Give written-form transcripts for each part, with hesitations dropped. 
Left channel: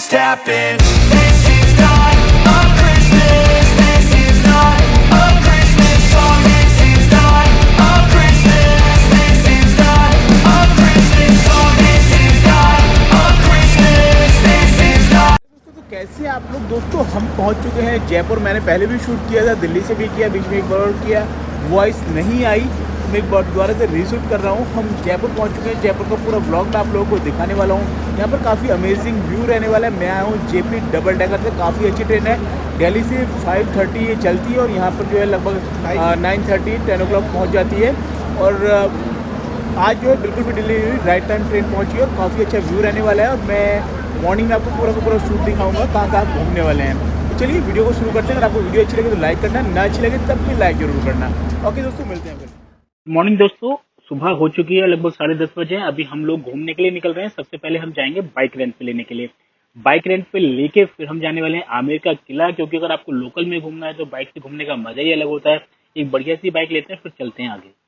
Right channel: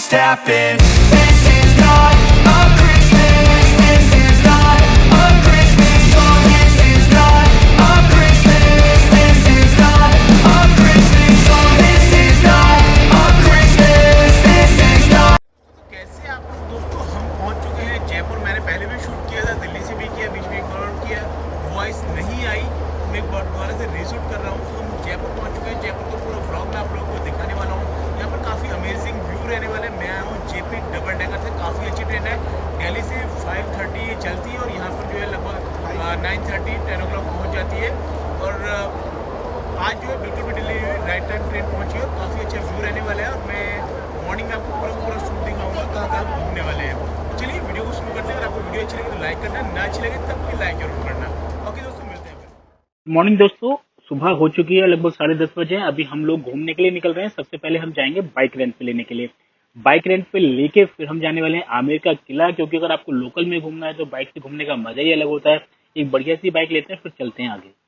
just happened. This is not a Christmas. This is not a Christmas song. This is not a Christmas. This is not a Christmas song. This is not a Christmas. This is not. तो कैसे हैं आप लोग दोस्तों। हम पहुंच चुके हैं जयपुर। मैंने पहले भी शूट किया था, दिल्ली से भी किया, बीच में एक बार और किया, वॉइस नहीं आई। मैं एक बार दोबारा से रीशूट कर रहा हूँ। हम जयपुर पहुंच चुके हैं। जयपुर का पूरा व्लॉग मैं आप लोगों को दिखाने वाला हूँ। यहाँ पर काफ़ी अमेजिंग व्यू रहने वाला है। मैं आया हूँ जेपी डबल डेकर से, काफ़ी अच्छी ट्रेन है। दिल्ली से 5:30 ये चलती है और यहाँ पर जो है लगभग 9:30 10 o'clock पहुँच जाती है। और आज जो है बिल्कुल भी डिले हुई, राइट टाइम ट्रेन पहुँची और काफ़ी अच्छा व्यू रहने वाला है। और मैं मॉर्निंग में आपको पूरा का पूरा शूट दिखाऊंगा कहाँ कहाँ घूमने वाले हैं। तो चलिए वीडियो को शुरू करते हैं। अगर आपको वीडियो अच्छी लगे तो लाइक करना, ना अच्छी लगे तब भी लाइक जरूर करना। ओके दोस्तों, मिलते हैं फिर। मॉर्निंग दोस्तों, सुबह हो चुकी है, लगभग 10:30 बजे हैं। अभी हम लोग घूमने के लिए निकल रहे हैं। सबसे पहले हम जाएंगे बाइक रेंट पे लेने के लिए। बाइक रेंट पे लेके फिर हम जाने वाले हैं आमेर का किला, क्योंकि अगर आपको लोकल में घूमना है तो बाइक से घूमने का मजा ही अलग होता है। एक बढ़िया सी बाइक लेते हैं, फिर चलते हैं आगे।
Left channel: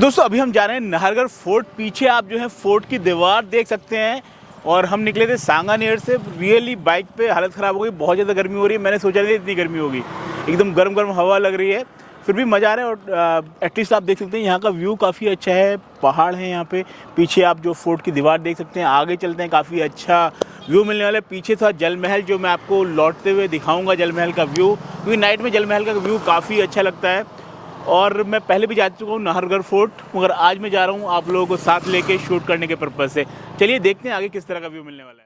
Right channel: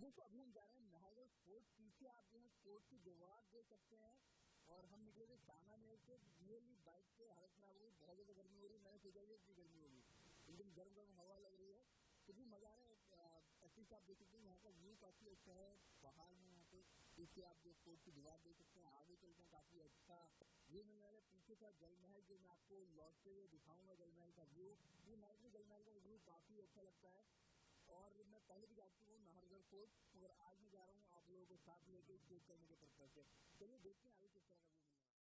दोस्तों अभी हम जा रहे हैं नाहरगढ़ फोर्ट। पीछे आप जो है फोर्ट की दीवार देख सकते हैं। और हम निकले थे सांगानेर से। रियली बाइक पे हालत ख़राब हो गई, बहुत ज़्यादा गर्मी हो रही है। मैंने सोचा नहीं इतनी गर्मी होगी, एकदम गर्म गर्म हवा लग रही है, फिर भी मज़ा आ रहा है। और एटलीस्ट आप देख सकते हैं यहाँ का व्यू काफ़ी अच्छा है। पहाड़ है यहाँ पे, पीछे आप जो फोर्ट की दीवार देख सकते हैं। आगे चलते हैं, काफ़ी अच्छा व्यू मिलने वाला है। पीछे था जल महल, जो मैं आपको लौटते हुए दिखाऊँगा जल महल का व्यू, क्योंकि नाइट में जल महल का व्यू काफ़ी अच्छा लगता है। और मैं पहले भी जा चुका हूँ नाहरगढ़ फोर्ट, मगर आज मैं जा रहा हूँ आप लोगों को साथ लेके शूट करने के पर्पज़ से। चलिए देखते हैं आगे किस तरह का व्यू मिलने वाला है।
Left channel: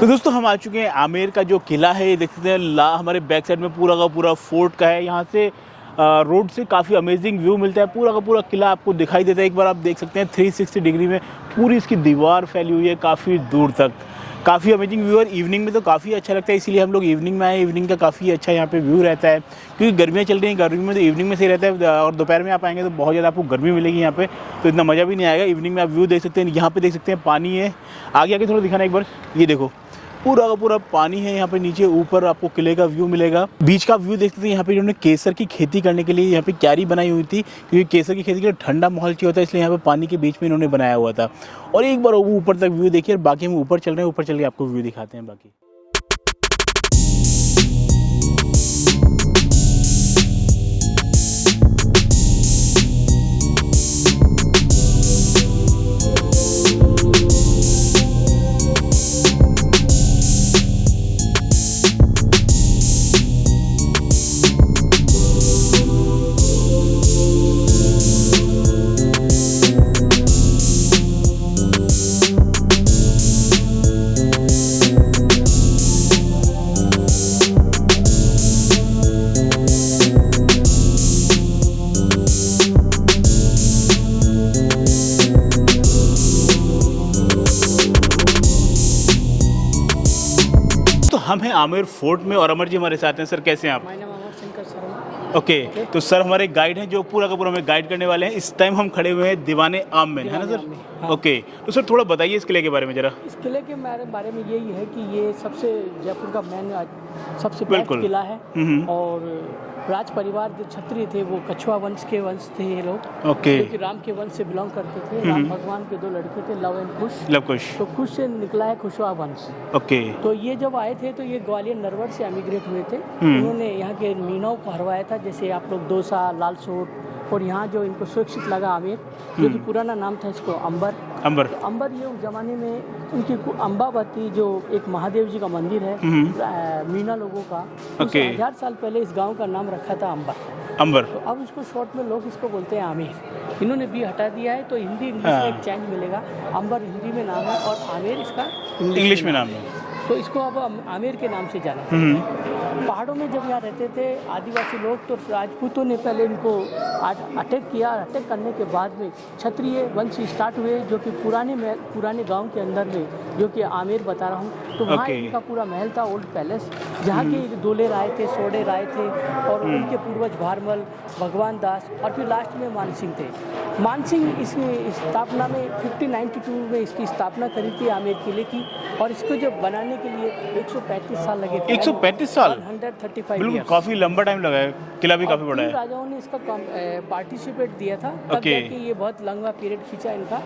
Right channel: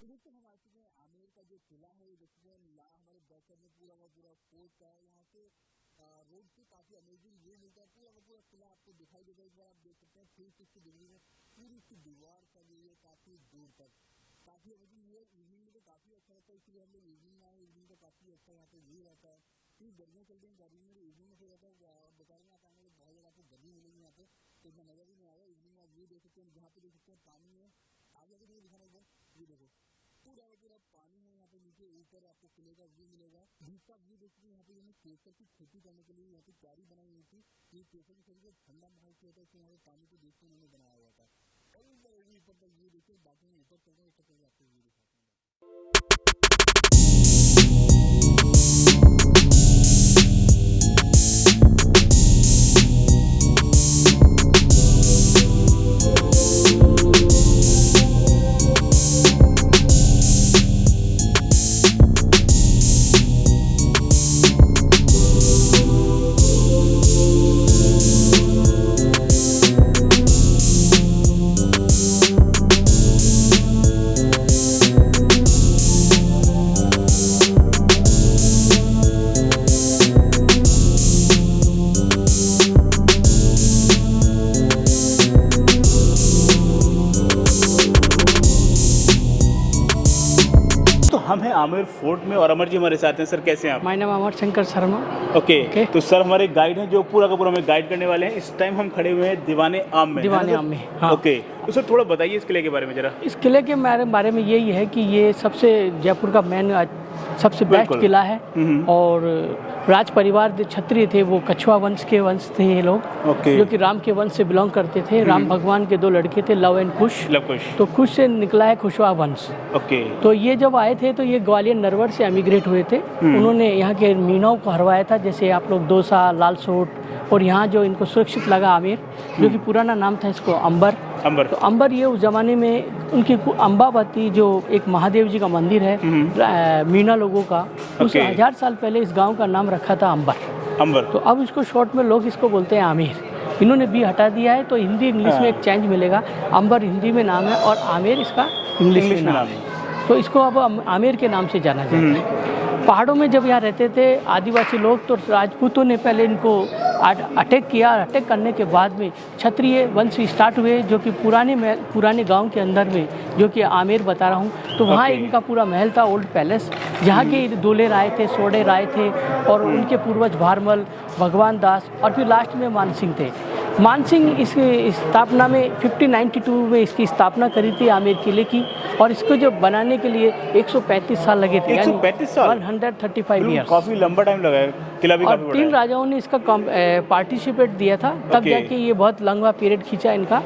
तो दोस्तों हम आ चुके हैं आमेर का जो किला है, ये देख सकते हैं हमारे बैक साइड में पूरा का पूरा फोर्ट का है। यहाँ से रोड से काफ़ी अमेजिंग व्यू मिलता है। पूरा का पूरा किला आपको दिखाई देता है। एक बार आप देख सकते हैं 360 डिग्री में पूरी इसकी दीवार फैली हुई है काफ़ी दूर तक। काफ़ी अमेजिंग व्यू। और इवनिंग में तो काफ़ी अच्छा लगता है, इसीलिए हम लोग इवनिंग में आए। इवनिंग का काफ़ी अच्छा यहाँ पे व्यू रहता है, क्योंकि गर्मियाँ चल रही हैं। गर्मी में तो इवनिंग में सही रहता है, और दोपहर में आप आएंगे तो बहुत ज़्यादा आपको गर्मी मिलेगी यहाँ पे, तो इतना मज़ा भी नहीं आएगा। इवनिंग में आप व्यू देख सकते हैं। यहाँ पे देख सकते हैं पानी है। आगे आगे थोड़ा दिखाना एक बार, ये देखो पूरा का पूरा पानी है यहाँ पे। नीचे ऊपर आपको किले का व्यू मिलेगा। बीच का व्यू देखते थे। यहाँ पे इन्होंने केसर की खेती करने के लिए यहाँ पे क्यारी बनाई हुई थी, क्योंकि केसर की खेती के लिए ठंडा माहौल चाहिए होता है, इसलिए यहाँ पे पानी के बीच में इन्होंने बनाया हुआ था। और एक बार वो ऊपर तक व्यू देखिए। और बाकी हम ऊपर चल रहे हैं, ऊपर चल के आपको व्यू दिखाते हैं बाकी। हम हैं आमेर फोर्ट में और अमर जी हमारे साथ हैं। सर कैसे हैं आप? माय नाम अमर शंकर शर्मा। ओके। तो सर हमारे गाइड हैं जो पूरा का पूरा हमें गाइड करने वाले हैं। इस टाइम हम खड़े हुए हैं दीवाने आम में। दीवाने आम में, हाँ। ओके, तो सर थोड़ा बताइए इस किले के बारे में जरा। इस किले के बारे में यही है कि ये सबसे जयपुर का मेन सबसे बेस्ट बिल्कुल। किला है। हम्म। और राज परिवार जो क्षत्रिय थे वो कछुआ वंश के वंश थे ये लोग, ओके। जो कि राम के वंश से बिलोंग करते थे। राम भगवान के 2 लड़के थे, लव एंड कुश। लव कुश। तो कुश से निकला है कुशवा वंश। ओके। तो ये जब आए थे तो ये ग्वालियर नरवर से एमिग्रेट हुए थे। उन्होंने यहाँ के मीनाओं को हरवाया था, जैसे आप लोग दोसा, लालसोट, और यहाँ जो इनको सुरक्षित लगा आमेर, जो कि पुराना नाम था इसको अंबर। अंबर। तो अंबर ये उस जमाने में उनकी अंबावती जो एक महादेव जी का मंदिर है मीना लोगों का, उस ओके। 1000 साल पहले इस गांव का नाम रखा था अंबर। अंबर। तो अब इसको शॉर्ट में लोग इसको बोलते हैं आमेर। इन्होंने बी हटा दिया है, तो हिंदी इंग्लिश में एक चेंज मिलेगा। अंबर हिंदी में नाम है और आमेर इसका इंग्लिश में नाम है। तो इसको अब आमेर के नाम से जाना जाता है। पहाड़ों में जब यहाँ रहते थे आदिवासी लोग, तो राजपूतों ने पहले इनको अटैक किया। अटैक करने के बाद में क्षत्रिय वंश स्टार्ट हुए, जो कि पुराने गांव के अंदर में, जो कि आमेर बता रहा हूँ। तो वहाँ ओके। इनका पूरा महल था, ओल्ड पैलेस, जहाँ के दूल्हे राय थे, सोडे राय थे, और उनके पूर्वज भारमल, भगवान दास, और फिर लास्ट में मानसिंह थे। मानसिंह इस स्थापना में 1592 में इसकी स्थापना करी थी आमेर किले की, और इसको जो बनाने के लिए 135 साल लगे थे। 135 साल? 135 ईयर्स। काफी लंबा टाइम लगा है, किला भी और काफी बड़ा 3 है। राजाओं ने इसका पार्टिसिपेट दिया था, तब ओके। जाके ये बहुत लंबा पीरियड खींचा इनका।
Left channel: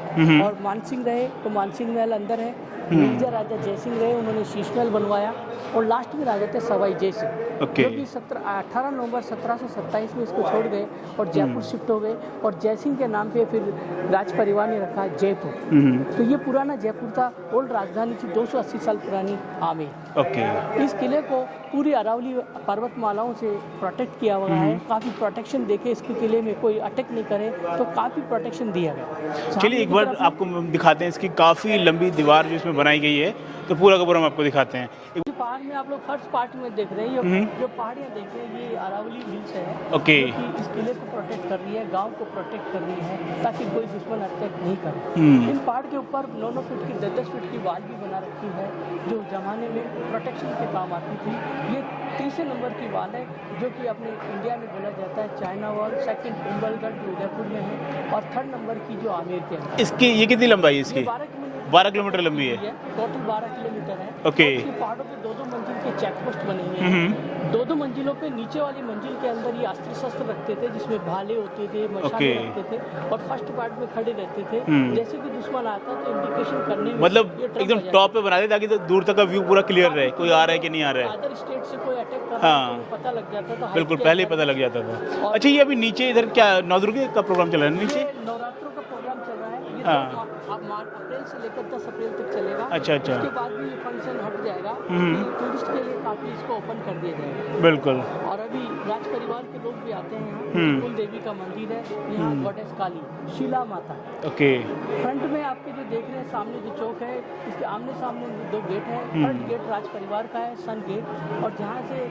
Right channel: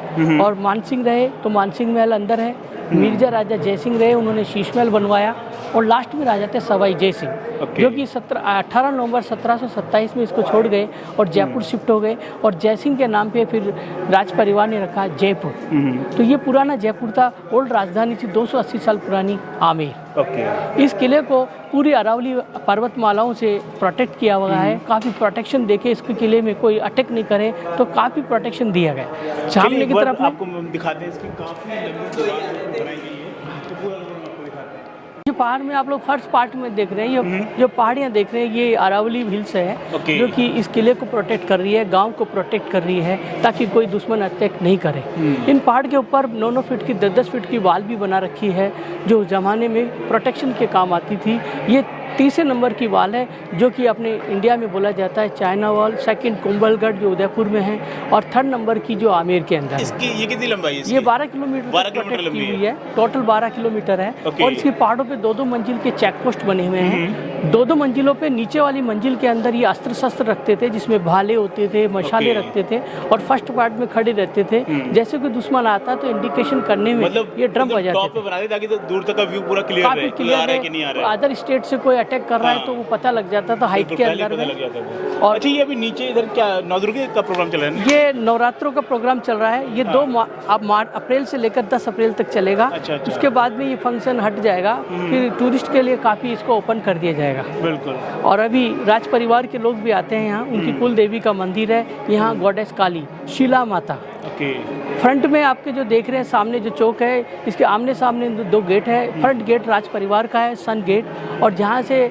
और मानसिंह रहे तो मानसिंह महल अंदर है। मिर्जा राजा जयसिंह रहे, उन्होंने शीश महल बनवाया। और लास्ट में राजा थे सवाई जय सिंह, ओके। जो कि 18 नवंबर 1727 में इसको छोड़ गए और जयपुर शिफ्ट हो गए। और जयसिंह के नाम पे फिर राज परिवार ने रखा जयपुर। तो ये पुराना जयपुर था, ओल्ड राजधानी थी, 280 साल पुरानी आमेर। ओके। इस किले को पूरी अरावली पर्वतमालाओं से प्रोटेक्ट किया हुआ है। काफ़ी प्रोटेक्शन देके इसके किले में कोई अटैक नहीं करे, तो काफ़ी प्रोटेक्शन दिया गया। चलिए सामने एक की बार तरफ में आपको दिखाते हैं, इसकी काफी लंबी दीवार जो इसमें बनाई गई है, तो पूरा का पूरा हम आपको दिखाते हैं। जो पहाड़ में आप लोग फर्स्ट पार्ट में देख रहे हैं, जो पहाड़ियाँ देख रहे हैं, ये अरावली हिल्स है, ओके। जो कि इस किले को प्रोटेक्ट कर रही है, गांव को प्रोटेक्ट कर रही है, ताकि कोई दुश्मन अटैक नहीं करे। इन पहाड़ के ऊपर 9-9 फीट की 10-10 फीट की वाल भी बना रखी है, जो उस जमाने में प्रोटेक्शन के काम आती थी। ये 30 नंबर की वाल है, जो कि अपने इंडिया में बोला जाता है चाइना वॉल। सेकंड कुंभलगढ़ जो उदयपुर में है, और 3rd नंबर की जो आमेर के अंदर है। इसकी ये कितनी लंबाई है इसकी? ये 12 किलोमीटर 12 किलोमीटर protect लंबी की हुई है। टोटल 12 किलोमीटर है। ओके। और इसके पहाड़ों पे 2-2 मंजिल के चेक पोस्ट बने हुए हैं। 2-2 मंजिलों पे नीचे वाली मंजिल के अंदर ये अस्त्र शस्त्र रखते थे, जिसमें भाले होते थे, मशाले ओके। रखते थे, और फर्स्ट पार्ट में खड़े रहते थे। जैसे कोई दुश्मन आता तो इंडिकेशन करने में मतलब ये ड्रम बजाते टॉप थे। पे बना दे, ताकि तो दूर तक का व्यू पूरा क्लियर काफी रहे, कोई clear आ रहा है कि नहीं आ रहा है। अदर स्टेट से कोई अटैक कर रहा है हाँ। तो वो पता लग जाता था हाइट बिल्कुल, के पहले अंदर पता में। लग जाता था। और अच्छा, ये अभी नीचे इधर क्या नवदुर्गा का प्रोग्राम चल रहा है ना? ये नवरात्रों का प्रोग्राम चल रहा है। ये हाँ। अप्रैल से लेकर 10 अप्रैल तक चलेगा। अच्छा, अच्छा। उसके बाद में ये फंक्शन हट जाएगा, फिर टूरिस्ट के लिए काफ़ी इसको ओपन कर दिया जाएगा। बिल्कुल। और अभी राज परिवार के लोग भी आते हैं यहाँ। उनकी कुल देवी का मंदिर है यहाँ, गॉडेस काली, शीला माता। ओके। फ्रंट में आपके जो देख रहे हैं सामने जो चौक है, इसके आमने सामने 2 गेट है। फ्रंट गेट राज परिवार का है, सन गेट, और जहाँ से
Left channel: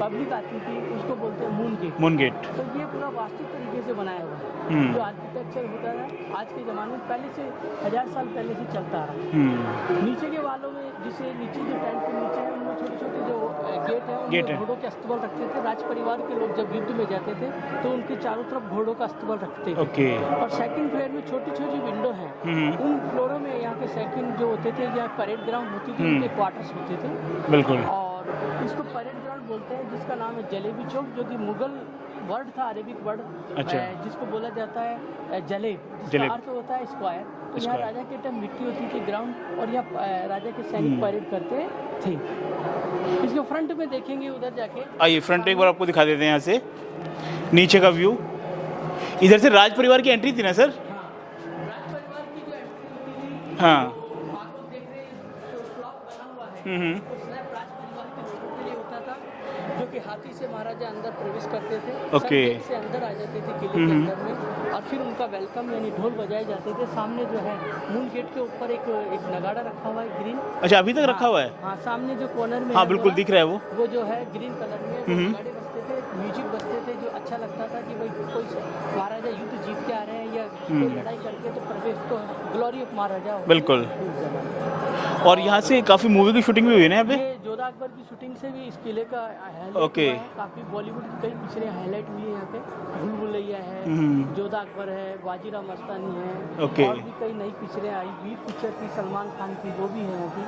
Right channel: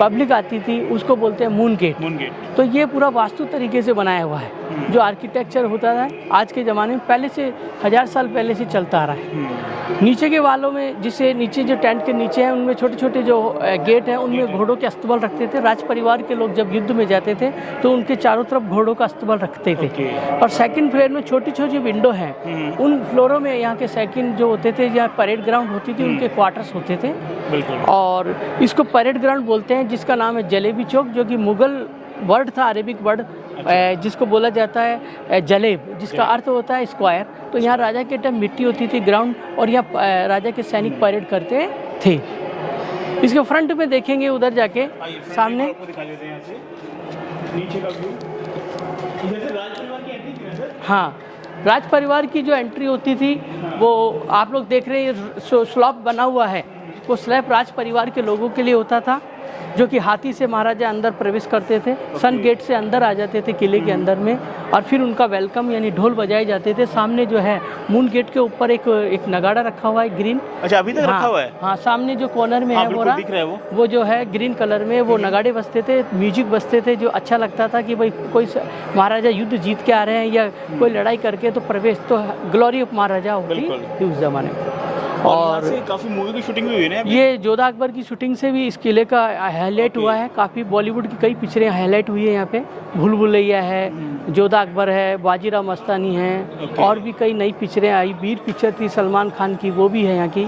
पब्लिक आती थी उसको बोलते हैं मून गेट। Moon gate. तो ये पूरा वास्तु तरीके से बनाया हुआ है। जो आर्किटेक्चर होता है आज के ज़माने में, पहले से 1000 साल पहले से चलता आ रहा है। नीचे के वालों में, जिसे नीचे जो टेंट के नीचे है, उनमें छोटे छोटे जो गेट हैं, उनमें घोड़ों के अस्तबल रखते थे। राज परिवार के लोग जब युद्ध में जाते थे तो उनके चारों तरफ घोड़ों का अस्तबल रखते थे। ओके। और सेकंड फ्लोर में छोटी छोटी विंडो हैं, उन फ्लोरों में यहाँ के सेकंड जो होते थे, जहाँ परेड ग्राउंड होती थी, उनके क्वार्टर्स होते थे। बिल्कुल। और इसको परेड ग्राउंड बोलते हैं, जिसका नाम है जलेबी चौक, जो कि मुगल वर्ड था, अरेबिक वर्ड, जिसको बोला जाता है जलेब, जिसका अर्थ होता है स्क्वायर। तो यहाँ राजा के टाइम मिट्टी होती थी ग्राउंड, और यहाँ राजा के सैनिक परेड करते थे। इसके फ्रंट में देखेंगे उधर जाके, आइए फ्रंट एक बार आपको दिखा देते हैं यहाँ से नीचे का व्यू। इधर से राज परिवार की एंट्री थी ना सर? हाँ, राज परिवार की जो एंट्री होती थी, हाँ। वो आप लोग देख रहे हैं स्लैब बना हुआ है, वो स्लैब राज परिवार के लोगों के लिए होता था, जो कि हाथी से महाराजा अंदर प्रवेश करते थे। सन गेट से अंदर आ जाते थे किले के अंदर में, और फिर उनका वेलकम यानी ढोल बजाए जाते थे। सामने जो है मून गेट के ऊपर एक नगाड़ा रखा हुआ है ग्रीन। अच्छा, अभी तक रखा हुआ है? हाँ, सामने जो कॉर्नर में हाँ, है बिल्कुल दिख रहा है वो जो है ग्रीन कलर में, वो नगाड़े बजते थे, म्यूजिक बजते थे, जो अच्छा लगता था कि भाई कोई महाराजा युद्ध जीत के आ रहे हैं या कोई लड़ाई करके, तो प्रवेश तो ग्लोरी ऑफ महाराजा होती बिल्कुल थी उस जमाने में। और यहाँ से काफी मूवी की शूटिंग भी हुई है ना अभी? ये जोधा अकबर की शूटिंग से भी इस किले का हाईलाइट Okay. हुआ है। काफ़ी बॉलीवुड की कई पिक्चरें हाईलाइट हुई है यहाँ पे। भूल भुलैया है, जोधा अकबर है, बाजीराव मस्तानी है, Okay. और भी कई नई पिक्चरें आई। वीर पिक्चर थी सलमान खान की, वो भी है यहाँ की,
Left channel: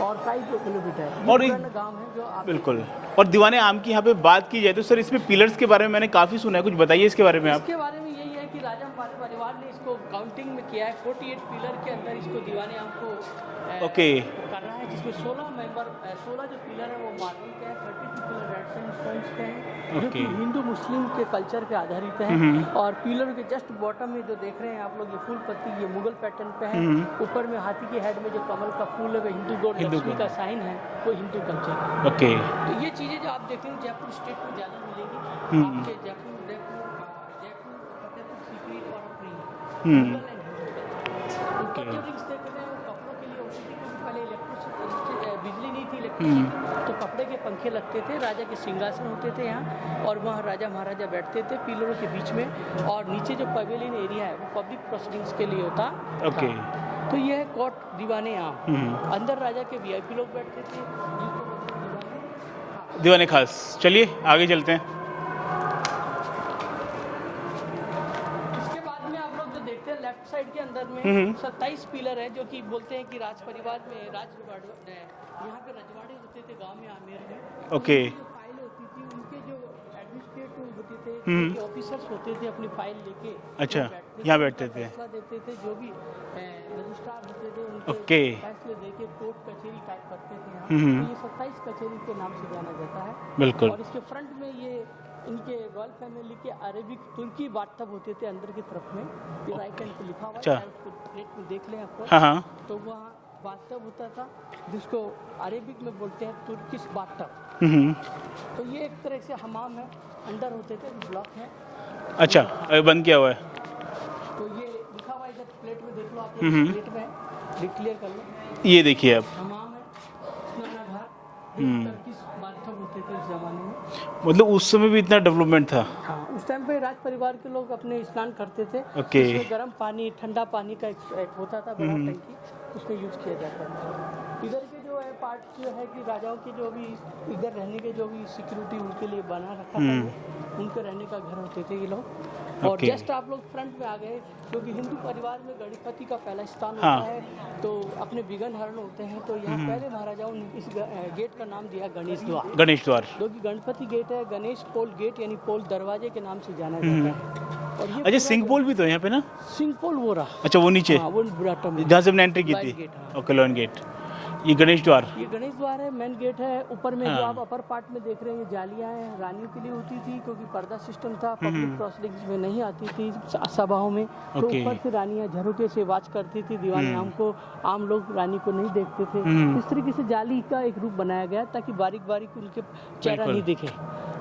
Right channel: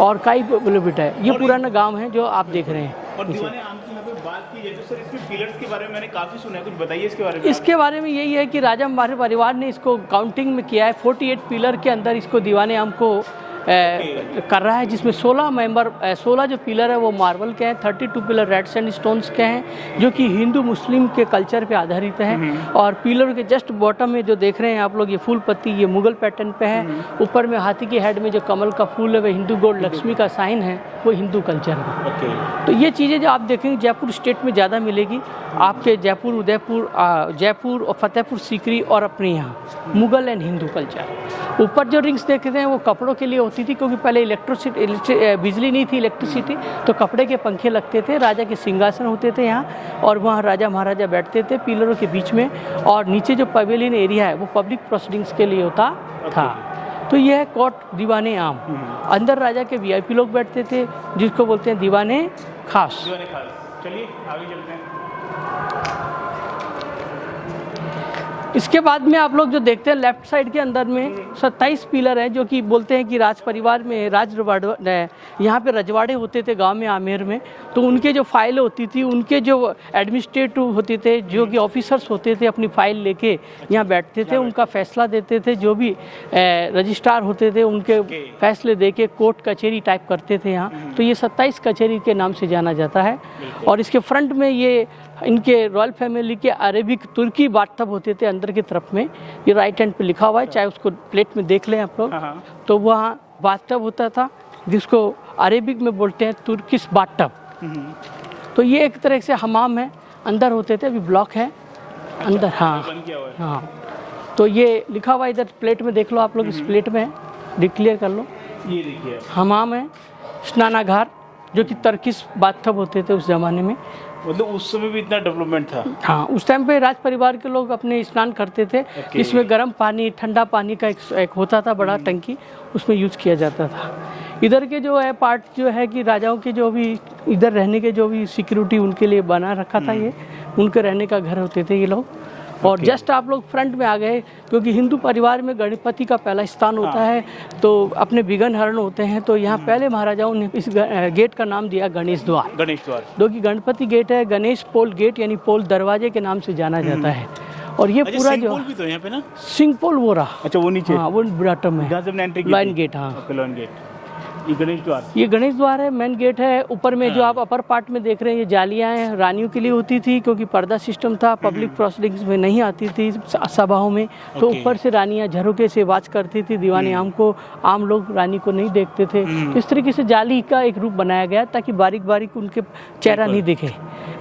और कई बॉलीवुड है। ये और पुराना गांव है जो आप देख बिल्कुल। रहे हैं। और दीवाने आम की यहाँ पे बात की जाए तो सर इसमें पिलर्स के बारे में मैंने काफी सुना है, कुछ बताइए इसके बारे में आप। इसके बारे में यही है कि राजा हमारे परिवार ने इसको काउंटिंग में किया है। 48 पिलर के अंदर इसको दीवाने आम को कर रहा है, जिसमें 16 जो पिलर है वो मार्बल के हैं, 32 पिलर रेड सैंडस्टोन्स के हैं, जो कि हिंदू मुस्लिम के कल्चर पे आधारित हैं। और पिलर के जस्ट बॉटम में जो देख रहे हैं आप लोग, ये फूल पत्ती, ये मुगल पैटर्न पे है। ऊपर में हाथी के हेड में जो कमल का फूल है वो हिंदू गॉड लक्ष्मी का साइन है, वो हिंदू कल्चर है। ओके। तो ये चीज़ें जो आप देखेंगे जयपुर स्टेट में ज़्यादा मिलेगी आपके, जयपुर, उदयपुर, जयपुर और फतेहपुर सीकरी, और अपने यहाँ मुगल एंड हिंदू कल्चर। ऊपर जो रिंग्स देख रहे हैं वो कपड़ों के लिए होती थी, क्योंकि पहले बिजली नहीं थी, इलेक्ट्रिसिटी, तो कपड़े के पंखे लगते थे। राजा के सिंहासन होते थे यहाँ, और वहाँ राजा महाराजा बैठते थे पिलरों के बीच में। और नीचे जो पवेलियन एरिया है वो पब्लिक प्रोसीडिंग्स के लिए होता था। तो ये है कोर्ट दीवाने आम। अंदर राजा के वीआईपी लोग बैठते थे, जिसको बोलते हैं दीवाने खास। दीवाने खास। चलिए आगे चलते हैं। इसके बाद में आप लोग जो देखते हैं लेफ्ट साइड के अंदर में 27 पिलर है, जो कि बोलते हैं कि राज परिवार में यहाँ पे रजवाड़े होते थे गांव में, आमेर में। तो उनके जो फाइल होती थी, उनके जो एडमिनिस्ट्रेटिव होते थे, जो कि ऑफिसर्स होते थे, अपनी फाइल लेके यहाँ बैठते थे, उनका फैसला देते थे। जो भी रजिस्ट्रार होते थे उनके फैसले दे के कोर्ट कचहरी टाइप करते थे यहाँ। तो ये 27 कचहरी के नाम से जाना जाता है। और इसके फ्रंट में ये इनके रॉयल फैमिली के अरेबिक तुर्की बाथटब होते थे अंदर की तरफ में, ये राइट हैंड पे लिखा हुआ है, चाहे उसको प्लेट में देख लें आप लोग। तो वहाँ बाथटब होता था, जिसको अरेबिक में बोलते हैं तुर्किश बाथटब। तो ये एक तरह से हमाम है, अंदर होते थे, अभी ब्लॉक है। अच्छा, अंदर, हाँ, बंद किया हुआ है। हाँ, तो ये लिखा हुआ इधर प्लेट में देख लो आप लोग, इस प्लेट में डिक्लेयर कर लो। ये देखिए आप, हमाम है, स्नानागार, जो कि तर्किश बाथटब होते थे उस जमाने में। मतलब उस समय भी इतना डेवलपमेंट था। हाँ, उस टाइम पे राज परिवार के लोग अपने स्नान करते थे। इसमें गर्म पानी, ठंडा पानी का एक होता था बड़ा टंकी, उसमें यूज किया जाता था। इधर के जो है पार्ट जो है कि राजाओं के जो भी इधर रहने के जो भी सिक्योरिटी उनके लिए बना रखा था, ये उनके रहने का घर होते थे ये लोग। और जस्ट आप लोग फ्रंट में आ गए, क्योंकि हिंदू परिवार में गणपति का पहला स्थान होता है, तो अपने विघ्न हरण होते हैं। तो यहाँ पहले महाराजाओं ने इस गेट का नाम दिया गणेश द्वार। गणेश द्वार, जो कि गणपति गेट है, गणेश पोल गेट यानी पोल दरवाजे के नाम से जाना जाता है। और ये पूरा सिंह जो पोल भी तो यहाँ पे ना, सिंह पोल वो रहा, अच्छा वो नीचे, हाँ, वो बॉटम में जहाँ से हमने एंट्री की लाइन थी। गेट, हाँ, ओके, लाइन गेट। ये गणेश द्वार, ये गणेश द्वार है, मेन गेट है। ऊपर में जो आप अपर पार्ट में देख रहे हैं, ये जालियां हैं, रानियों के लिए होती थी, क्योंकि पर्दा सिस्टम था, पब्लिक प्रोसीडिंग्स में नहीं आती थी सभाओं में। तो ऊपर से रानियां झरोके से वाच करती थी दीवाने आम को, आम लोग रानी को नहीं देखते थे। तो इस तरीके से जाली का एक रूप बनाया गया, ताकि बारीक बारीक उनके चेहरा नहीं दिखे।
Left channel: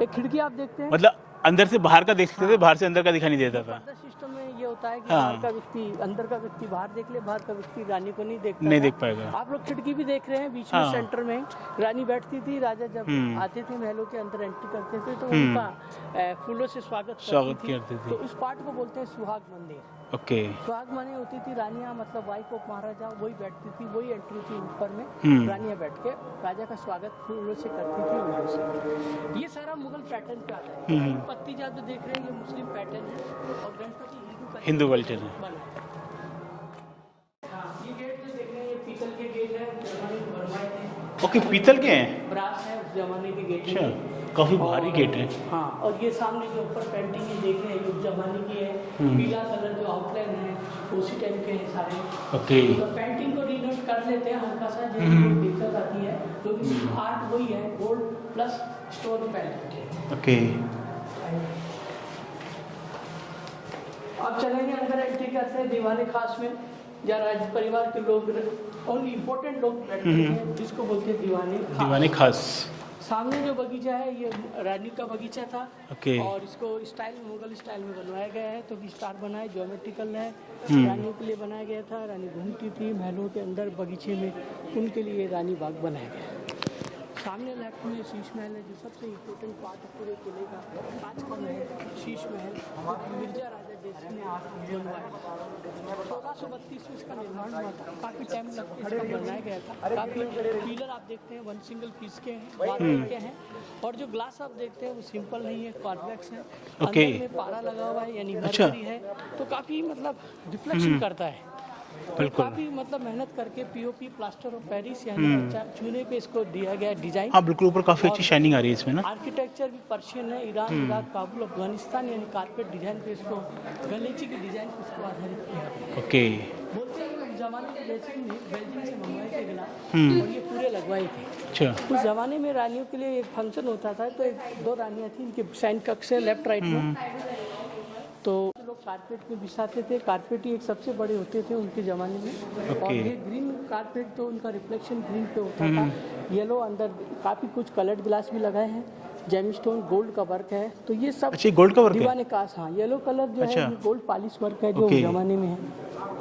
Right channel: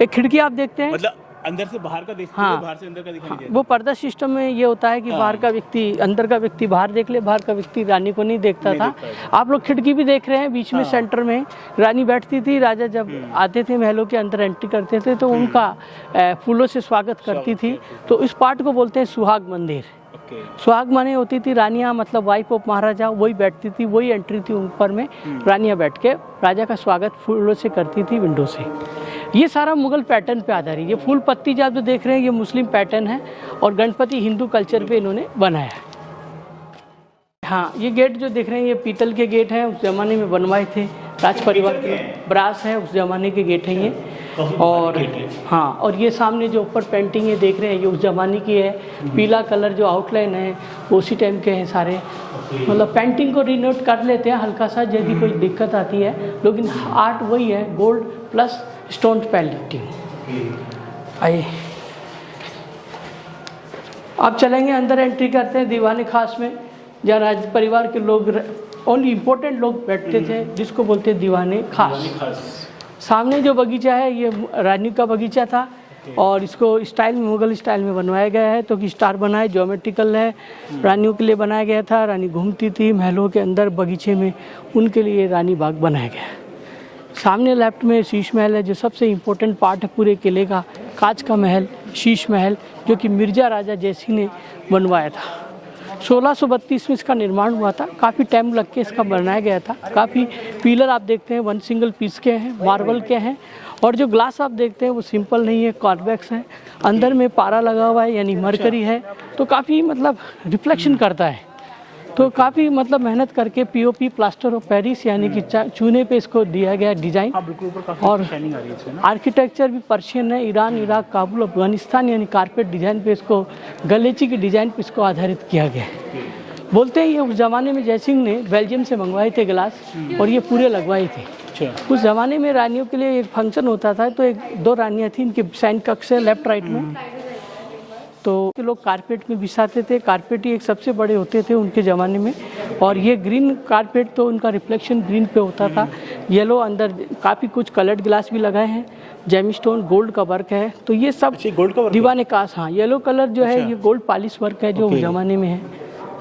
एक खिड़की आप देखते हैं, मतलब अंदर से बाहर का देखते थे, बाहर से अंदर का दिखाई नहीं देता वो था। पर्दा सिस्टम में ये होता है कि बाहर का व्यक्ति, अंदर का व्यक्ति बाहर देख ले, बाहर का व्यक्ति रानी को नहीं देखता था। आप लोग खिड़की भी देख रहे हैं, बीच में सेंटर में रानी बैठती थी। राजा जब आते थे महलों के अंदर एंट्री करते थे, तो उनका फूलों से स्वागत करती थी। तो इस पार्ट को बोलते हैं सुहाग मंदिर। ओके, सुहाग माने होती थी रानियां, मतलब वाइफ ऑफ महाराजा, वही बैठती थी, वही एंट्री थी ऊपर में। रानियां बैठ के राजा का स्वागत फूलों से करती थी विंडो से। ये सारा मुगल पैटर्न पे आधारित। ये फूल पत्ती जो आप जो देख रहे हैं, ये मुस्लिम पैटर्न है, और गणपति हिंदू कल्चर पे इन्होंने बनाया है। हाँ, ये गेट जो देख रहे हैं, ये पीतल के गेट हैं, उस जमाने में बनवाए थे राज परिवार के, ब्रास है, उस जमाने के गेट हैं ये। और हाँ, और ये सामने जो ऊपर पेंटिंग है देख रहे हैं, ये उस जमाने की है। पीला कलर जो आउटलाइन है वो उसी टाइम के हैं सारे। मतलब पेंटिंग को रिनोट कर लेते हैं हल्का सा, यदि कोई दिक्कत आती है, लेकिन आर्ट वही है, gold plus stone painting. Okay, आइए आप चलेंगे, अंदर एंट्री करते हैं दीवाने खास में, जहाँ राज परिवार के लोग, ओनली इम्पोर्टेंट लोग बैठते थे, जिसको बोलते हैं दीवाने खास। सामने जो बगीचा है, ये रानी का बगीचा था। और इसको स्टाइल में, मुगल स्टाइल में बनवाया गया है, तो कि स्टार बना है, ज्योमेट्रिकल है, रानियों के लिए बनाया गया था। रानी घूमती थी महलों के अंदर बगीचे में, उनके लिए रानी बाग बनाया गया है। सामने लेफ्ट में शीश महल है, जो सबसे इम्पोर्टेंट पार्ट है पूरे किले का, कांच का महल, शीश महल, जो कि मिर्जा राजा जयसिंह ने बनवाया था। 1632 में इसका निर्माण हुआ था। काफ़ी टाइम लग के इसका बनाया गया था। काफ़ी पिलर आप देखते हैं 1 सिंगल पीस के हैं, मार्बल के हैं, और जो ग्लास आप देखते हैं वो सिंपल नहीं है, कॉन्वेक्स है। अंदर में पारा लगा हुआ है यानी मरकरी है, तो काफ़ी मतलब रिफ्लेक्शन करता है। तो काफ़ी मतलब मेहनत करके पीओपी प्लास्टर ऑफ पेरिस यानी कि चूने पे इसको दिया गया डिजाइन। हाँ बिल्कुल, ऊपर काफी अच्छी शाइनिंग आ रही है इसमें ना। आर्किटेक्चर भी पर्शियन है, ईरान, इराक, काबुल, अफगानिस्तान यानी कारपेट डिजाइन पे इसको, गलेची की डिजाइन पे इसको आधारित किया गया है। ओके। बोलते हैं ये उस जमाने में जयसिंह ने बेल्जियम से मंगवाए थे गिलास, और ये पूरे लगवाए थे। अच्छा। उस जमाने में रानियों के लिए एक फंक्शन होता था, तो 2 रानियाँ थी, इनके साइन कक्ष है लेफ्ट राइट में, तो लोग कारपेट में बिछाते थे। कारपेट ही एक सबसे बड़े होते थे उनके ज़माने में। और ये ग्रीन कारपेट, तो उनका रिफ्लेक्शन ग्रीन पे होता था। येलो अंदर काफ़ी कुछ कलर्ड ग्लास भी लगाए हैं, जेमिस्टोन गोल्ड का वर्क है। तो ये सब गोल्ड का वर्क दीवाने कास, हाँ येलो कलर जो है ये गोल्ड पॉलिश वर्क है जो उस ज़माने में है,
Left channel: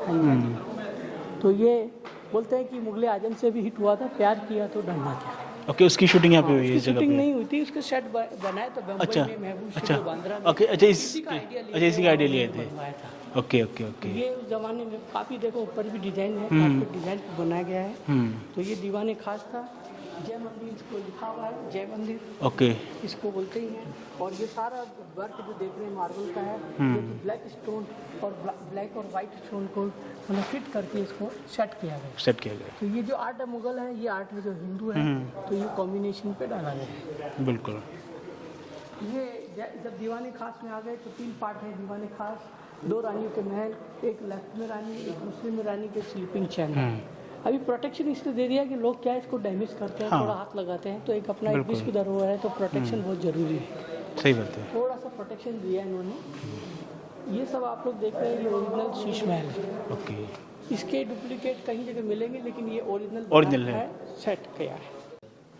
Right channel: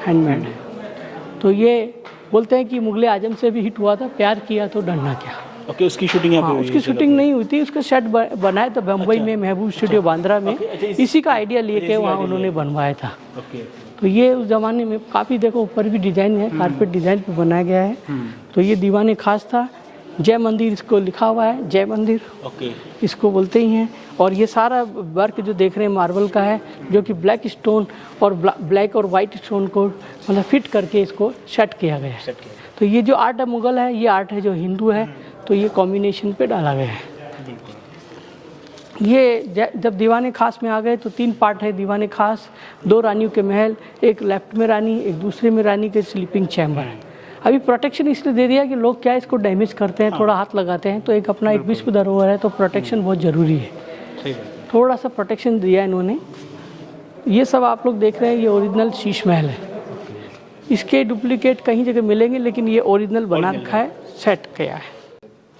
हैंडमेड। तो ये बोलते हैं कि मुगले आजम से भी हिट हुआ था, प्यार किया तो डरना क्या। ओके, उसकी शूटिंग यहाँ पे हुई है। उसकी शूटिंग नहीं हुई थी, उसका सेट बनाया था बम्बई में, महबूब स्टूडियो बांद्रा में। इसी का आइडिया लेके वहाँ उन्होंने बनवाया था। Okay okay. तो ये उस जमाने में काफ़ी, देखो ऊपर भी डिजाइन है, कारपेट डिजाइन पे बनाया गया है। तो ये दीवाने खास था। जय मंदिर इसको लिखा हुआ है, जय मंदिर ओके, इसको बोलते ही हैं। और ये सारा वर्क जो देख रहे हैं मार्बल का है, जो कि ब्लैक स्टोन और ब्लैक और वाइट स्टोन को मतलब फिट करके इसको सेट किया गया है। सेट किया गया। तो ये जो आर्ट है मुगल है, ये आर्ट है जो हिंदू है, तो ये कॉम्बिनेशन पे डाला गया है। बिल्कुल। ये जब दीवाने खास में आ गए तो 3 पार्ट है दीवाने खास। 2 रानियों के महल, एक लेफ्ट में रानी, एक दूसरे में रानी के स्लीपिंग चैम्बर है। अभी प्रोटेक्शन इसलिए दे दिया कि लोग क्या इसको डैमेज करते हैं, थोड़ा हाथ लगाते हैं, तो एक अपना एक विश्व धरोहर है, तो प्रोटेक्शन बहुत ज़रूरी है। सही बात है। थोड़ा सा प्रोटेक्शन दिया इन्होंने। ये सब आप लोग देख रहे हैं, ये ओरिजिनल शीश महल है। इसके डुप्लीकेट कहीं जगह मिलेंगे, लेकिन ये ओरिजिनल बना रखा है, सेट किया है।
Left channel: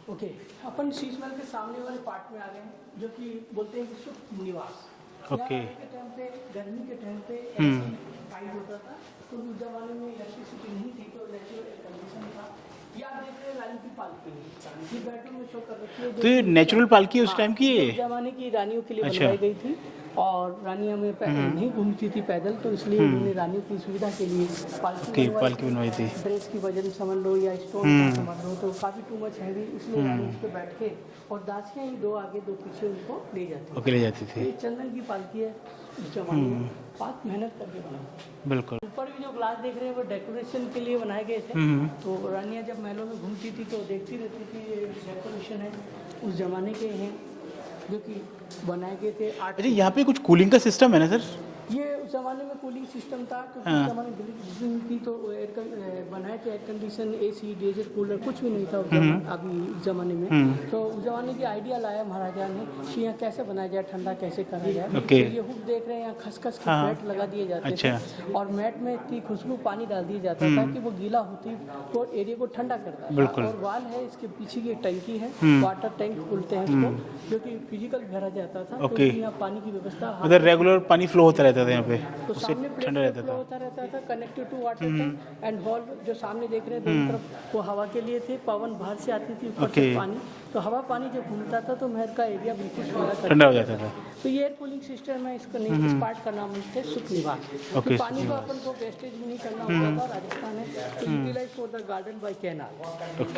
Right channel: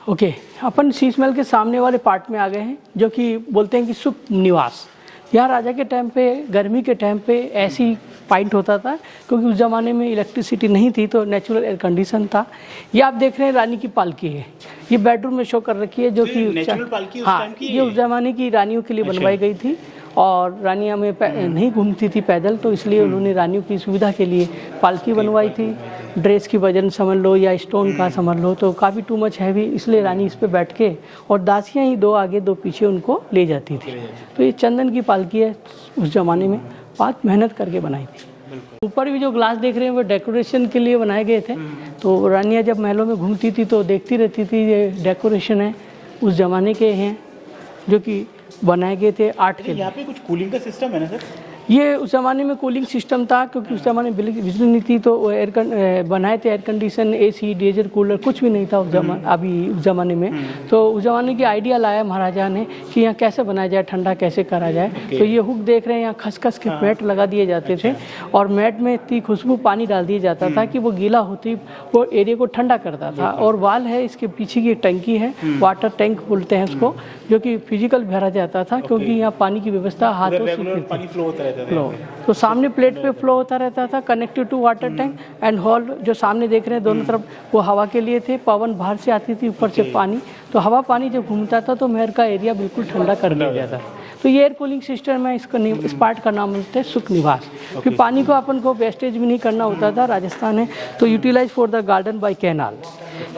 ओके, अपन शीश महल के सामने वाले पार्ट में आ गए हैं, जो कि बोलते हैं कि सुख निवास। यहाँ राजा के टाइम पे, गर्मी के टाइम पे ऐसी पॉइंट होता था, क्योंकि उस ज़माने में इलेक्ट्रिसिटी नहीं थी, तो नेचुरल एयर कंडीशन था। ये आप देख रहे हैं रानी की पालकी है, ये बेडरूम में शो कर रखी है, जो कि नेचुरल पालकी उस टाइम की, ये उस ज़माने की रानियों के लिए बनवाई गई थी। और रानियाँ में नहीं घूमती थी पैदल, तो इसलिए उन्होंने रानियों की सुविधा के लिए पालकी बनवाई थी। ड्रेस की वजन समझ लो या स्टोन का समझ लो, तो काफ़ी टू मच हैवी, इसलिए रानी इस पे बैठ के, और दासियाँ ही 2 आगे 2 पीछे उनको ले जाती थी। तो ये चंदन की पालकी है, उस जमाने में बहुत मेहनत करके बनाई थी। बिल्कुल। ऊपर भी जो ग्लास देख रहे हैं वो डेकोरेशन के लिए बनाए गए थे। तो रानियाँ जब महलों में घूमती थी तो देखती रहती थी, ये डेकोरेशन है, उस जमाने के हैं, जो कि बनाए गए थे आर्ट के। यहाँ पे कुछ कूलिंग का सिस्टम है ना सर? ये उस ज़माने में कूलिंग सिस्टम था, क्योंकि उस ज़माने में बिजली नहीं थी, तो बनाए थे air condition, AC, diesel cooler कुछ भी नहीं था अभी उस ज़माने में। तो उस ज़माने की आइडिया लाया महाराजा ने कि यहाँ कैसे बनाया जाए, ठंडा कैसे करा जाए। तो ये हुक देख रहे हैं, यहाँ खसखस के मैट लगा दिए जाते थे, और मैट में इतनी खुशबू पानी डाल दिया जाता था कि वो गीला होती वो एरिया को ठंडा करता था। और वाल है, इसके पीछे की टंकी है, वाटर टैंक बोलते हैं उसको, जो कि फिजिकल भरा जाता था, क्योंकि यहाँ पानी की व्यवस्था हाथ रेगुलर पानी फ्लो होता रहता था। तो सामने प्लेट पे फ्लो होता रहता था, connected to water tank and hall. जो सामने देख रहे हैं दोनों तरफ, वो हवा के लिए थे, पवन बाहर से आती थी, ऊपर से पानी, तो हवा पानी जब घूमता था तो महल का एरिया बिल्कुल ठंडा कर दिया जाता था। तो ये एयर कूलिंग सिस्टम है, इस पार्ट का नाम बोलते हैं सुख निवास। फिर पानी को अपन को वेस्टेज भी नहीं करना होता था, राजस्थान है तो utilise for the garden by canal,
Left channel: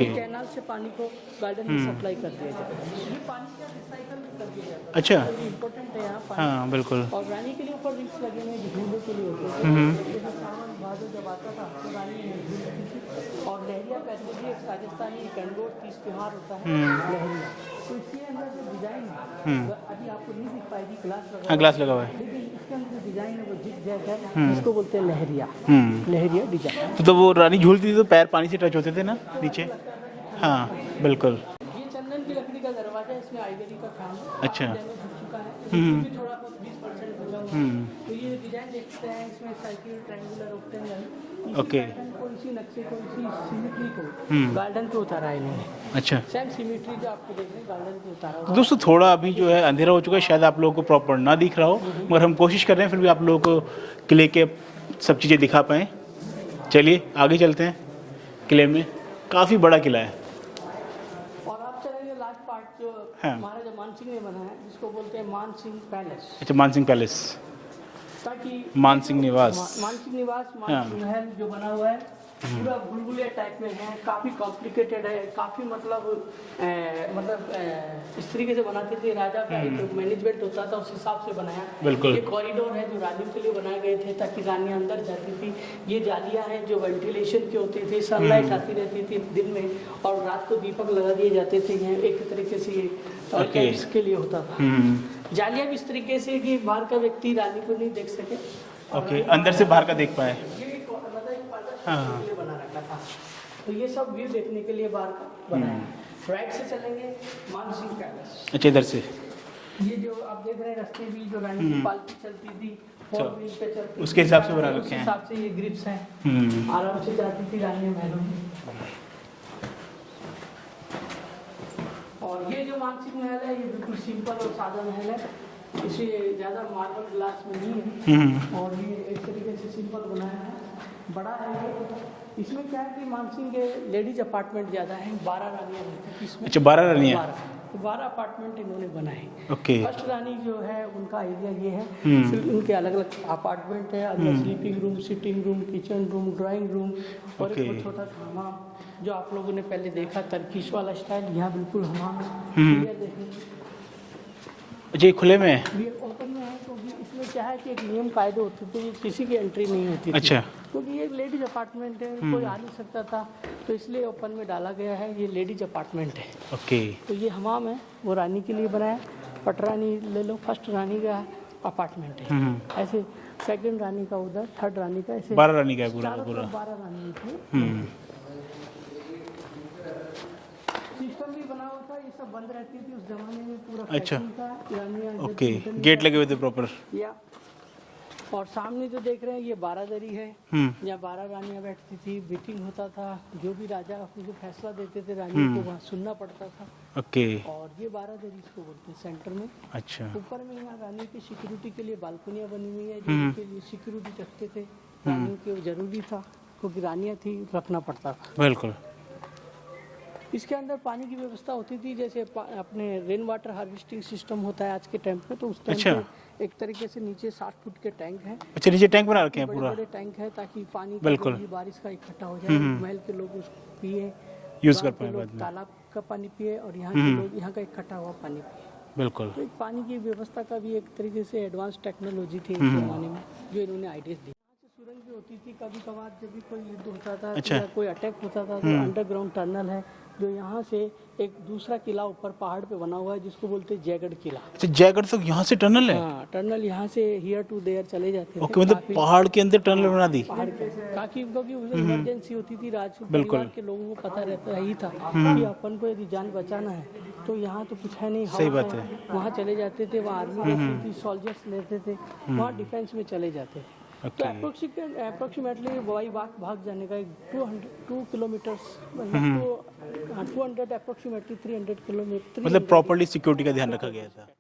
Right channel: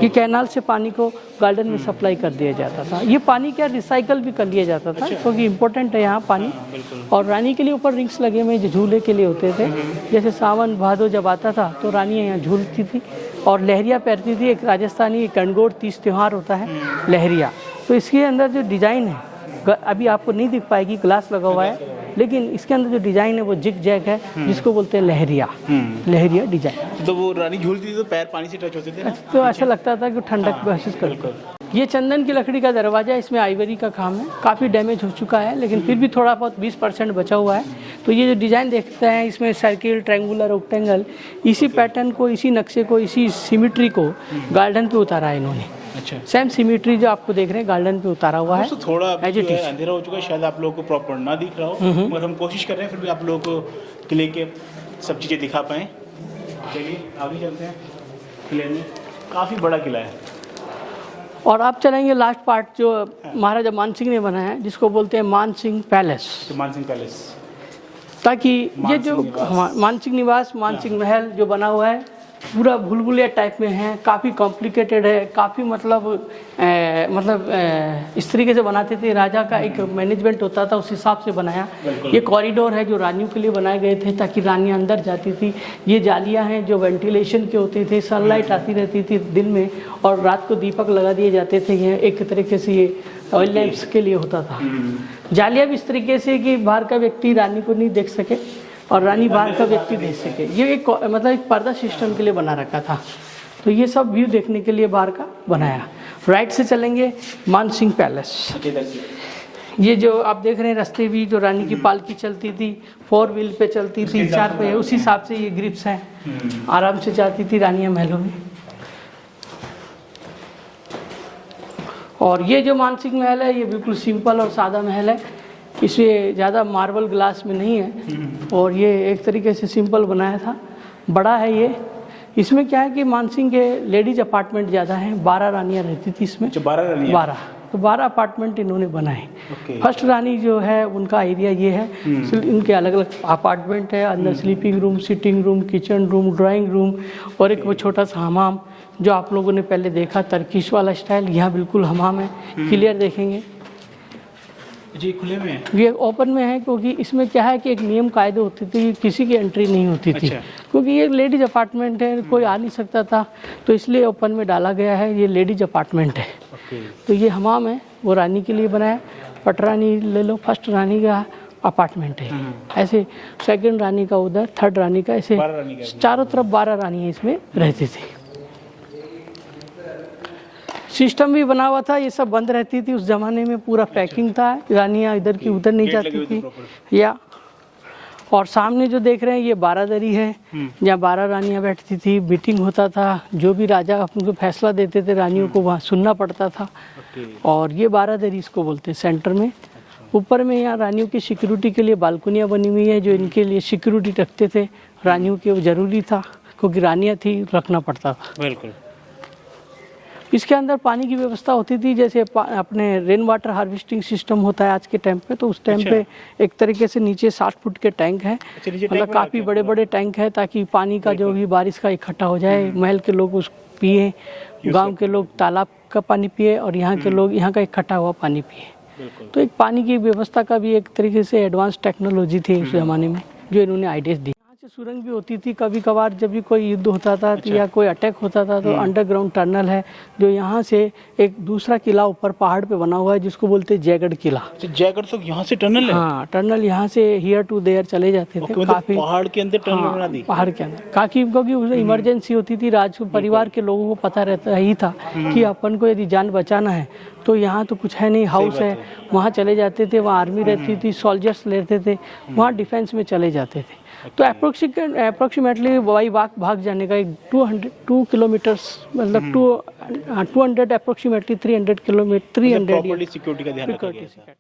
कि कैनाल से पानी को गार्डन में सप्लाई कर दिया जाता था। ये पानी क्या रिसाइकल भी कर लिया जाता था, क्योंकि इम्पोर्टेंट है यहाँ पानी। बिल्कुल। और रानी के लिए ऊपर रिंग्स लगे हुए जो झूले के लिए होते थे, जैसे सावन भादो जब आता था तो रानियाँ यहाँ झूलती थी और लहरिया पहनती थी। एक राजस्थानी गणगौर तीज त्यौहार होता है, लहरिया। तो इसके अंदर जो डिजाइन है, अभी आपको नहीं दिख पाएगी, ग्लास लगा हुआ है, लेकिन इसके अंदर जो डिजाइन है वो जिग जैग है, जिसको बोलते हैं लहरिया, लहरिया डिजाइन। तो वो रानी झूलती थी तो पैर पानी से टच होते थे ना, तो ऐसा लगता था कि ठंडक महसूस कर। ये चंदन की लकड़ी का दरवाजा, इसमें आइवरी का काम है, काफ़ी डैमेज हो चुका है, लेकिन फिर भी थोड़ा बहुत 20% बचा हुआ है। तो ये जो डिज़ाइन देखते हैं, इसमें सर्किल, ट्रायंगुलर, ऑक्टेंगल, इसी पैटर्न को, इसी नक्शे को, इसी सिमिट्री को गार्डन पे उतारा है इन्होंने। अच्छा, सेम सिमिट्री जो आपको देख रहे हैं गार्डन पे उतारा हुआ है। दोस्तों थोड़ा अभी जो है अंधेरा हो चुका है, शायद आप लोगों को प्रॉपर ना दिख रहा हो, मगर हम कोशिश कर रहे हैं फिर भी आप लोगों को किले के सब चीज़ें दिखा पाएँ। चलिए आगे चलते हैं। किले में काफ़ी बड़ा किला है, और आप चलेंगे लास्ट पार्ट जो महाराजा मान सिंह ने बनाया है, जिसको बोलते हैं मान सिंह पैलेस। अच्छा, मान सिंह पैलेस। ताकि ये मानसिंह जो निवास। मानसिंह निवास, मानसिंह महल जो बना हुआ है पूरा भूलभुलैया टाइप में है, काफ़ी कॉम्प्लिकेटेड है, काफ़ी इस तरीके से बनाते थे। राजा का एक मैनेजमेंट होता था, उस हिसाब से बनाया। ये कॉरिडोर है जो रानियों के लिए बनाए गए थे ताकि रानियां अंदर जाती थी। ये जालियां हैं जो वेंटिलेशन के होते थे, सनलाइट आती रहती थी दिन में, और रात को दीपक लगा दिए जाते थे। ये एक तरीके से ये लैंप्स के लिए होता था। जालियां भी इस तरीके से कि बाहर का व्यक्ति रानी को नहीं देख सके और रानी बाहर से व्यक्ति देख सके। ये एक एक पर्दा सिस्टम के लिए बना रखा था। तो ये सब व्यू देखने के लिए बाहर का बनाया। राइट से चलेंगे मानसिंह पैलेस। अच्छा, इधर से ये जो आप देख रहे हैं रास्ते भी, जो रानी की पालकी चलती थी, 4 व्हील पे चलती थी, 4 पे, उस हिसाब से ये ग्रिप्स हैं। आराम से जाती थी रानियां महलों में। और ये जो मानसिंह महल है ये बिल्कुल सिंपल और सादा महल है, इसमें ज़्यादा मार्बल ग्लास में नहीं है, और ये एक तरीके से सिंपल बनाया था। बड़ा है ये। इसमें क्या है कि मानसिंह के लेडीज अपार्टमेंट ज़्यादा हैं, 12 रानियाँ रहती थी इसमें। अच्छा, 12 रानियाँ। 12, तो 12 अपार्टमेंट इन्होंने बनाए। ओके। फर्स्ट रानी जो है उनका एरिया ये है। इनके अलग अलग अपार्टमेंट है, अंदर sleeping room, sitting room, kitchen room, drawing room, और एक वो छोटा सा हमाम जो आप लोगों ने पहले देखा, तर्किश वाला स्टाइल। यहाँ बिल्कुल हमाम है, क्लियर देखेंगे। जी, खुले में है। ये ओपन में है क्योंकि इसमें क्या है कि एक नियम कायदे होती थी, किसी की एंट्री नहीं होती थी। अच्छा। क्योंकि ये लेडीज अपार्टमेंट है, कोई आ नहीं सकता था, तो इसलिए ओपन में डाला गया है। ये लेडीज अपार्टमेंट है। ओके। तो ये हमाम है, वो रानी के लिए बनाया। पटरानी ले लो, फर्स्ट रानी का अपार्टमेंट है। ऐसे सेकंड रानी का उधर, थर्ड रानी का, ऐसे 12 रानी का चारों तरफ 12 रानी इसमें रहती थी। सिस्टम भी बना हुआ था, ये सब बंद रहती थी उस जमाने में, पूरा पैकिंग था। रानियां इधर की उधर नहीं गेट लगे हुए जाती थे थी। प्रॉपर। या और सामने जो देख रहे हैं ये बारादरी है, जहाँ 12 रानियां बैठती थी, मीटिंग होता था। जो भी राजा उनको फैसला देते थे रानियों को वहाँ सुनना पड़ता था। ओके। और ये बारादरी इसको बोलते हैं सेंटर में। अच्छा। ऊपर में यहाँ रानियों की सिक्योरिटी के लिए बालकनियाँ बनी हुई है, जो इनके लिए सिक्योरिटी रखते थे रानियों के, वो जरूरी था क्योंकि रानियाँ थी, रखना पड़ता था। बिल्कुल। इसके अंदर पानी की व्यवस्था होती थी, जैसे अपने रेन वाटर हार्वेस्टिंग सिस्टम होता है आज के टाइम पे, तो उस टाइम पे एक तरीके से नीचे 60 फुट के टैंक हैं। अच्छा, नीचे टैंक बना काफी बड़े बड़े टैंक है ताकि पानी का जो भी बारिश का इकट्ठा हो जाए, महल के लोग उस पिए, गांव के लोग तालाब का पानी पिए, और यहाँ के लोग यहाँ का इकट्ठा हुआ पानी पिए। बिल्कुल। तो एक पानी की व्यवस्था का भी एक तरीके से एडवांस टेक्नोलॉजी थी उस जमाने में, जो इन्होंने आइडियाज दी। सुरंग भी होती थी कभी कभार, जब भी कोई युद्ध होता था या कोई अटैक होता था, तो अंडरग्राउंड टनल है जो यहाँ से एक दूसरा किला ऊपर पहाड़ पे बना हुआ है जिसको बोलते हैं जयगढ़ किला। जयगढ़ तो यहाँ से टनल है? हाँ, टनल यहाँ से हियर टू देयर चले जाते थे। काफी पहाड़ के अंदर टनल बना दी? पहाड़ के अंदर, काफी, क्योंकि उसे इमरजेंसी होती थी। राज परिवार के लोगों को पता रहता ही था कि अपन को यदि जान बचाना है तो यहाँ तो कुछ है नहीं, हाउस है, वहाँ चले जाते थे। वहाँ आर्मी रहती थी, सोल्जर्स लेते थे, वहाँ डिफेंस में चले जाते थे। तो अप्रोक्सीमेटली वाई भाग जाने का एक 2 किलोमीटर्स, मतलब 200 अप्रोक्सीमेटली 300 किलोमीटर, 300 प्रॉपर्टी सिक्योरिटी का ध्यान रखा गया।